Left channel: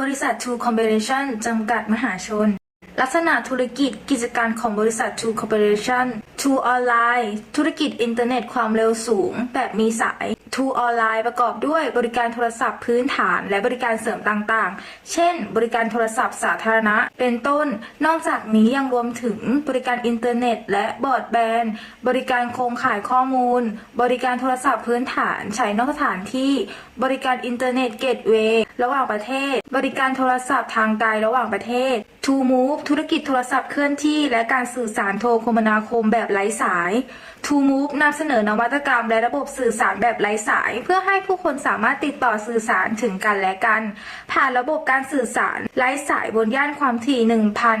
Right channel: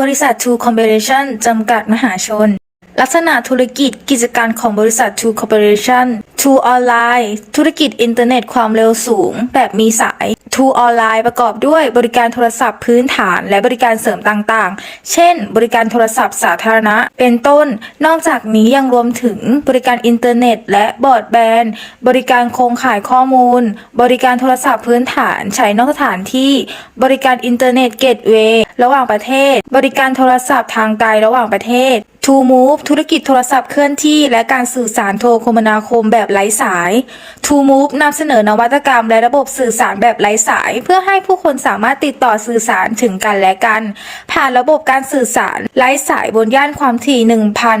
บริษัท True Corporation จำกัดมหาชน ลักษณะธุรกิจกิจการของบริษัท True Corporation True Online ธุรกิจอินเทอร์เน็ตความเร็วสูงแบบมีสาย True Online ประกอบด้วยบริการโทรศัพท์พื้นฐาน และบริการเสริมต่างๆ เช่น บริการโทรศัพท์สาธารณะ เป็นต้น นอกจากนี้ยังรวมถึงบริการอินเทอร์เน็ต และบอร์ดแบนด์บริการโครงข่ายข้อมูล บริการโทรศัพท์พื้นฐานใช้นอกสถานที่ บริการอินเทอร์เน็ตเกตเวย์ระหว่างประเทศ บริการโทรศัพท์ทางไกลระหว่างประเทศ To Move ธุรกิจโทรศัพท์เคลื่อนที่ และการสื่อสารโทรคมนาคมแบบไร้สาย To Move นำเสนอนวัตกรรมและระบบสื่อสารแบบไร้สาย เพื่อให้ผู้คนสามารถติดต่อสื่อสารถึงกันและกัน ผ่านระบบการสื่อสารไร้สายบนย่านความถี่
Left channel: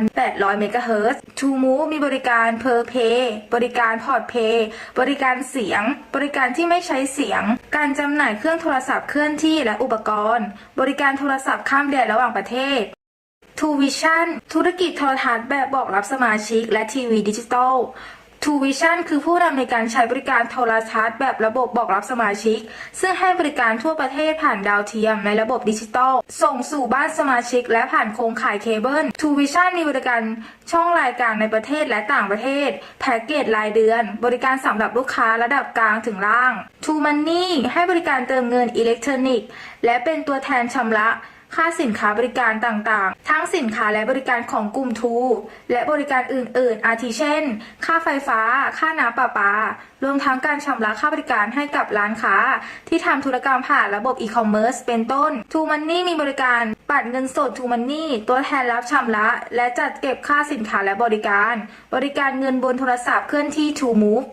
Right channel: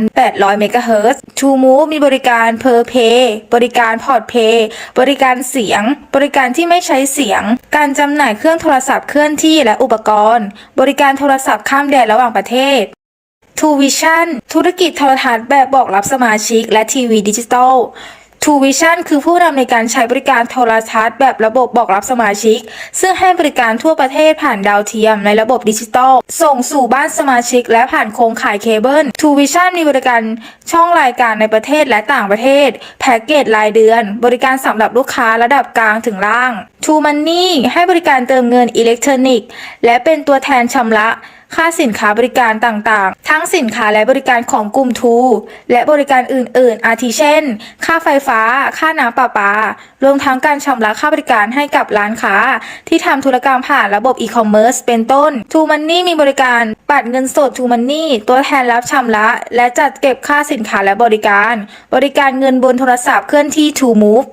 1,800 เมกะเฮิรตซ์ To Move มีบริการ Per Pay บริการ Port Pay บริการเสียง บริการที่ไม่ใช้เสียง การจำหน่ายเครื่องโทรศัพท์เคลื่อนที่และอุปกรณ์ บริการโทรศัพท์ข้ามแดนระหว่างประเทศ True Vision ธุรกิจโทรทัศน์แบบบอกรับสมาชิก และทีวีดิจิตอล True Vision คือผู้นำในการใช้บริการโทรทัศน์แบบระบบบอกรับสมาชิก ซึ่งให้บริการทั่วประเทศผ่านดาวเทียมในระบบดิจิตอลส่งสู่บ้านสมาชิก และผ่านโครงข่ายเคเบิล True Vision มีบริการช่องรายการในประเทศและต่างประเทศ แพ็กเกจรายเดือน บริการสำหรับลูกค้าระดับกลางถึงล่าง True Money ให้บริการเติมเงินอิเล็กทรอนิกส์ และเป็นตัวแทนชำระ ค่าสินค้าบริการต่างๆ ทั้งสินค้าและบริการของกลุ่มทูและบริการอื่น ๆ อาทิเช่น ค่าไฟฟ้า ค่าน้ำประปา รวมทั้งการชำระค่าบริการให้กับร้านค้า ที่ทำธุรกรรมผ่านระบบอีคอมเมิร์ซเป็นต้นทูมันนี่มีบริการปัดเงินสดทูมันนี่ตัวแทนรับชำระ และจัดเก็บค่าสินค้าและบริการ บริการเงินบนโทรศัพท์เคลื่อนที่ทูมูฟ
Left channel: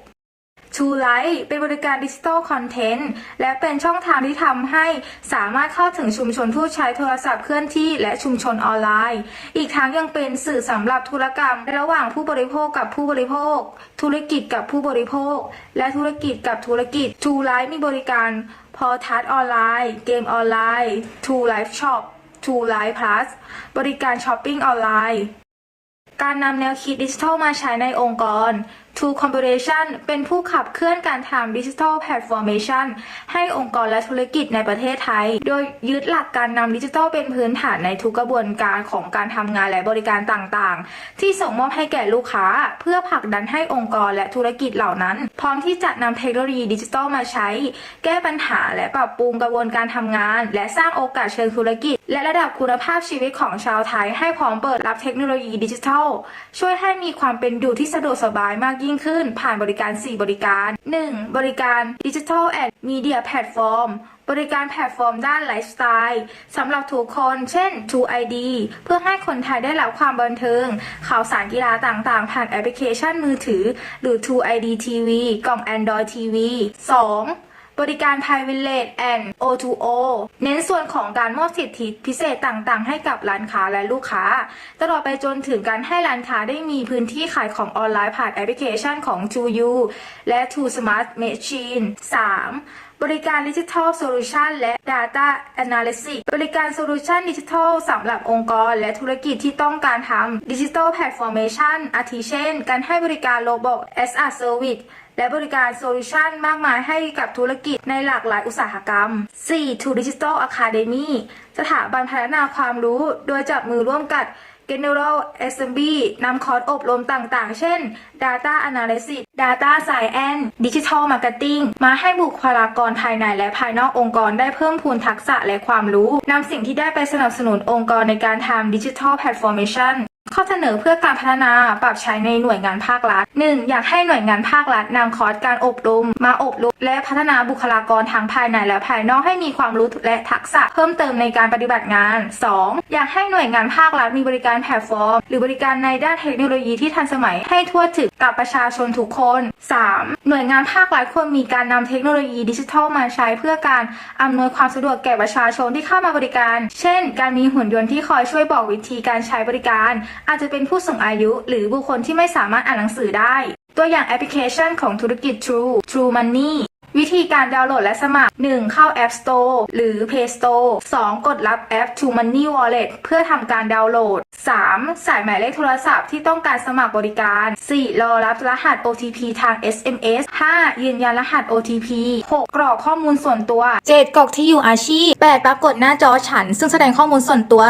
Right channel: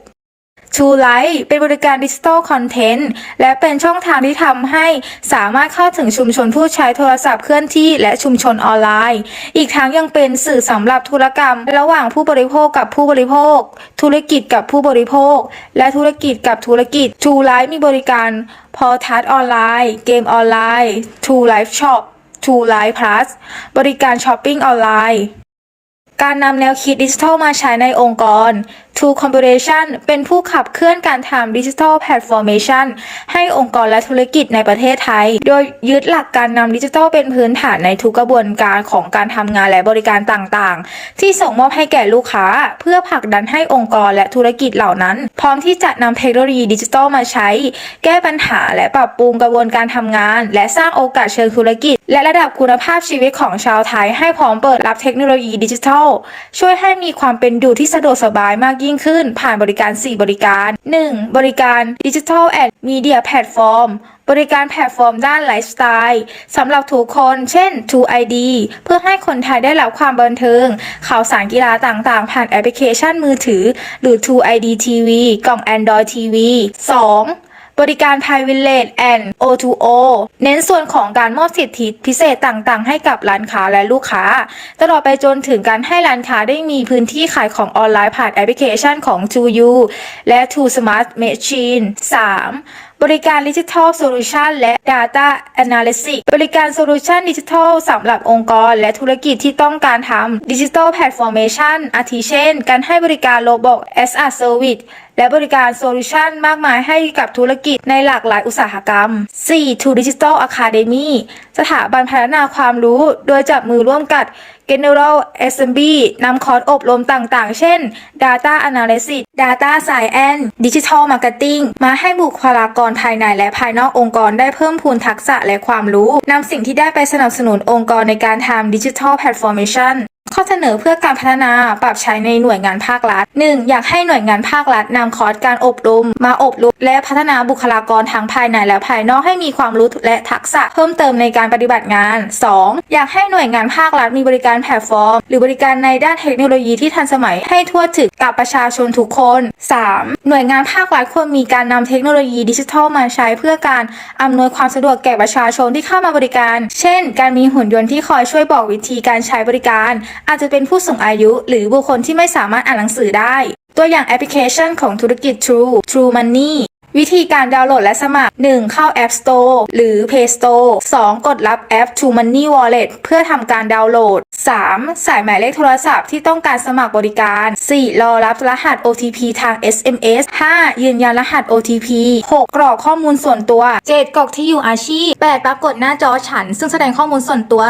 To Move True Light เป็นบริการดิจิทัลคอนเทนต์และเป็นช่องทางที่ทำให้สามารถเข้าถึงชุมชนผู้ใช้โทรศัพท์เคลื่อนที่และชุมชนออนไลน์ อีกทั้งยังเป็นสื่อสำหรับธุรกรรม ระหว่างผู้บริโภคกับผู้บริโภค ธุรกิจกับผู้บริโภค และธุรกิจกับธุรกิจ True Light มีบริการพอทัศออนไลน์ เกมออนไลน์ True Life Shop True Life Plus บริการช้อปปิ้งออนไลน์การนำแนวคิดดิจิทัลมาใช้ในองค์กร True Corporation เป็นผู้ขับเคลื่อนการทำดิจิทัลแพลตฟอร์เมชันให้องค์กรและธุรกิจในประเทศไทย โดยยึดหลักการนำดิจิทัลเป็นพื้นฐานในทุกกระบวนการของการทำงานและบริการต่างๆ ที่ส่งมอบให้แก่ลูกค้า เพื่อผลักดันให้องค์กรและธุรกิจเหล่านั้น พร้อมที่จะนำเทคโนโลยีดิจิทัลมาใช้ แก้ปัญหาและปรับปรุงกระบวนการทำงาน และสร้างโอกาสเชิงธุรกิจ และระดับคุณภาพชีวิตของชาวไทย ให้พร้อมเปิดรับเทคโนโลยีดิจิทัล ช่วยให้มีความเป็นอยู่ที่สะดวกสบายมากยิ่งิ่งขึ้นผ่านบริการ 4 บริการ 1. บริการดิจิทัลแอดมีเดียแพลตฟอร์มบริการแพลตฟอร์มด้านไลฟ์สไตล์สำหรับทุกคน เช่น True ID เพื่อให้คนไทยได้รับความบันเทิง ข่าวสารกีฬาต่างๆ ผ่านแอปพลิเคชันมือถือ หรือ True ID TV กล่อง Android TV 2. บริการ Thai Village and O2O เน้นส่วนของการมอบสิทธิพิเศษต่างๆ ให้กับร้านค้าและลูกค้า ตลอดไปจนถึงการให้ร้านค้าได้มีพื้นที่ขายของออนไลน์ผ่านแอปพลิเคชันของ t o u และ To Smart Machine 3. บริการดิจิทัลโซลูชันและ Data Analytics บริการโซลูชันดิจิทัลสำหรับองค์กร และธุรกิจที่ต้องการทำดิจิทัลแพลตฟอร์เมชันอาทิเช่น การให้บริการโลบอก as a Service และบริการโซลูชันมากมายให้กับธุรกิจในหลากหลายอุตสาหกรรม 4. To Digital Academy สถาบันพัฒนาความรู้ โดยจับมือร่วมกับ General Assembly นำคอร์สอบรมต่างๆ เช่น Data Analysis Data Science Digital Marketing มาให้บุคลากรภายในและภายนอกองค์กรได้เพิ่มพูนทักษะและความรู้นำสิ่งที่ได้ไปสนับสนุนองค์กรในการทำ Digital Transformation ข้อเสนอเพื่อการพัฒนาปรับใช้ในหน่วยงานภาครัฐ 1. อยากให้หน่วยงานภาครัฐนำคอร์สการอบรม มาอบรมและพัฒนาบุคลากรทั้งภายในและภายนอกให้มีความรู้และทักษะเพิ่มเติมในการปฏิบัติงาน 2. อยากให้หน่วยงานภาครัฐมีบริการแพลตฟอร์ม หรือบริการในด้านเทคโนโลยีที่ทันสมัยให้ทั่วถึงกับประชาชนทุกคน 3. หน่วยงานภาครัฐควรมีการนำเทคโนโลยีดิจิทัลมาใช้เพื่อการอำนวยความสะดวกแก่ประชาชนที่เข้ามาบริการ เช่น การมีหุ่นยนต์ที่คอยช่วยบอกวิธีการใช้บริการอาจจะเป็นผู้สูงอายุ หรือบุคคลที่ไม่สามารถอ่านหนังสือได้ ตัวอย่างแอปพลิเคชันของธุรกิจ True True Money วิธีการดาวน์โหลดและสมัคร 1. เข้า App Store หรือ Play Store 2. กดรับแอป True Money Wallet เพื่อทำการดาวน์โหลด 3. ใส่หมายเลขโทรศัพท์ที่ต้องการสมัครบริการ 4. รอรับรหัส OTP ทาง SMS 5. ยืนยันรหัส OTP 6. กรอกข้อมูลส่วนตัว 7. กรอกที่อยู่อาชีพ 8. ปรากฏหน้าจอฉัน ซึ่งแสดงข้อมูลส่วนตัว